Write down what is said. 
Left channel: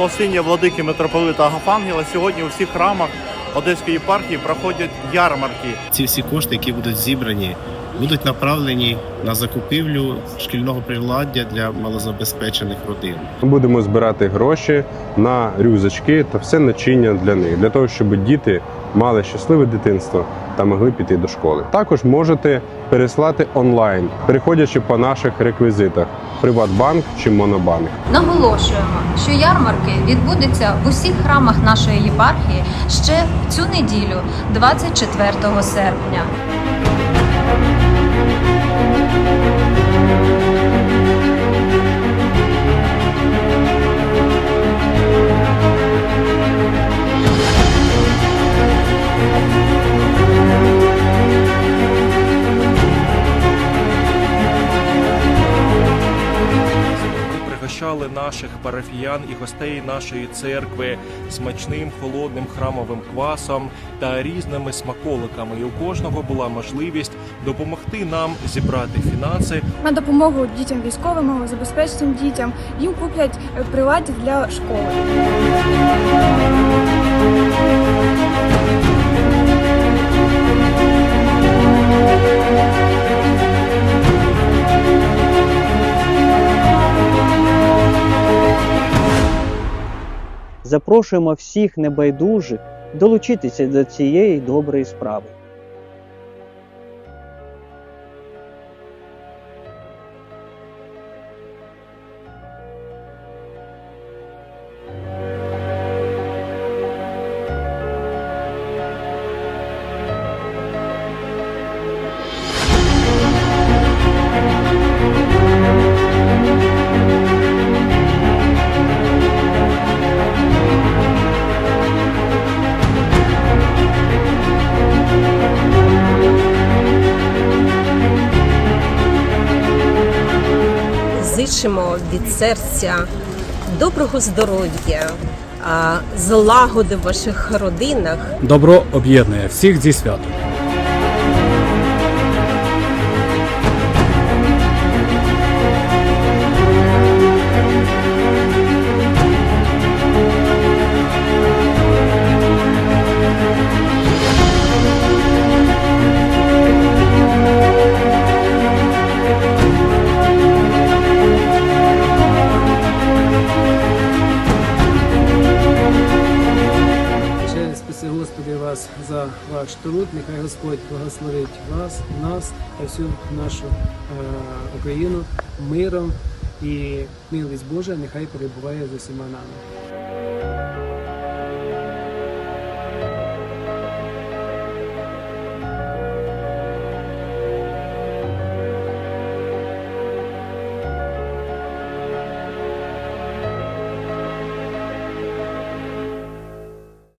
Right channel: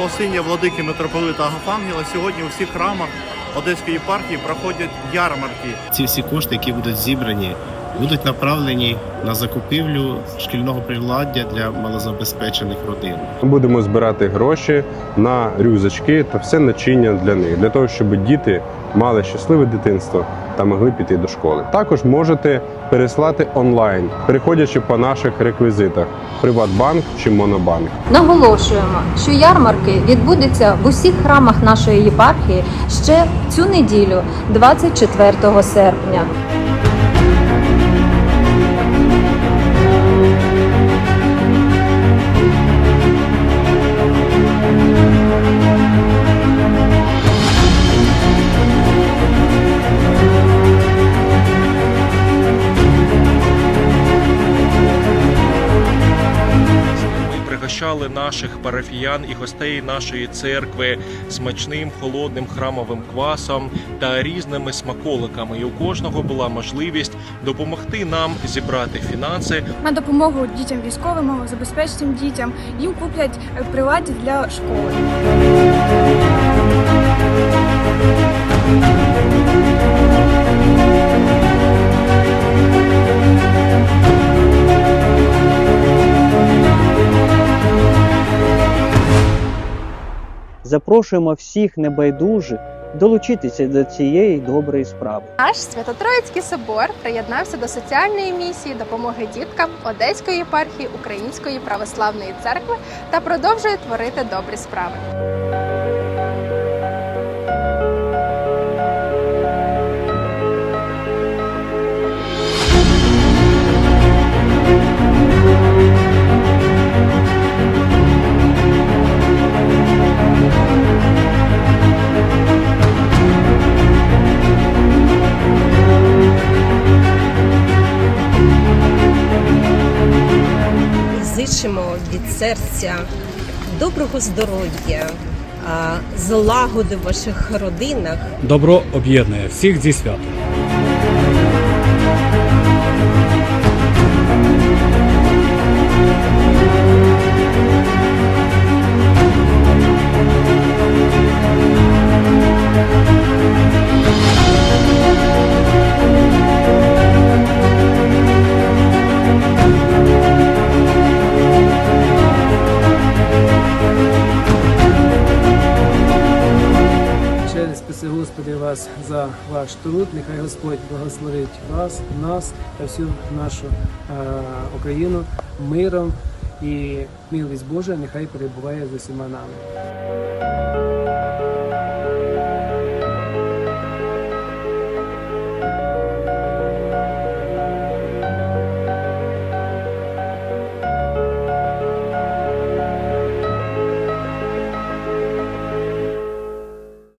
благословіння владики митрополита Агафангела сьогодні у всіх храмах Одеської єпархії проходять ярмарки. Ці всі кошти, які будуть зібрані, будуть направлені на закупівлю шкільного приладдя для малозабезпечених родин. будемо збирати гроші на рюзочки та все начиння для них, для того, щоб діти мали щасливе дитинство та могли піти до школи. Також можете переслати онлайн, переходячи по наших реквізитах Приватбанк чи Монобанк. Наголошуємо що ярмарки відбудуться в усіх храмах нашої єпархії ще цю неділю, 24 серпня. пригощали наших парафіян і гостей нашої церкви смачним холодним храмовим квасом та різними смаколиками. І у кожного була можливість допомогти нам зібрати фінанси на допомогу дітям військовим, малозабезпеченим дітям. Їм куплять е, приладів для школи. Запрошуємо всіх небайдужих долучитися до цієї доброї справи. Наш Свято-Троїцький собор приєднався до соціальної місії допомоги діткам Одеської єпархії Української православної церкви та продовжує творити добрі справи. бажаємо від серця доброго здоров'я, злагоди в ваших родинах. Добро об'єднує всіх зі святом. вас за ваш труд. Нехай Господь благословить вас, нас та всю нашу е, Україну миром і милість Божа нехай перебуває з усіма нами.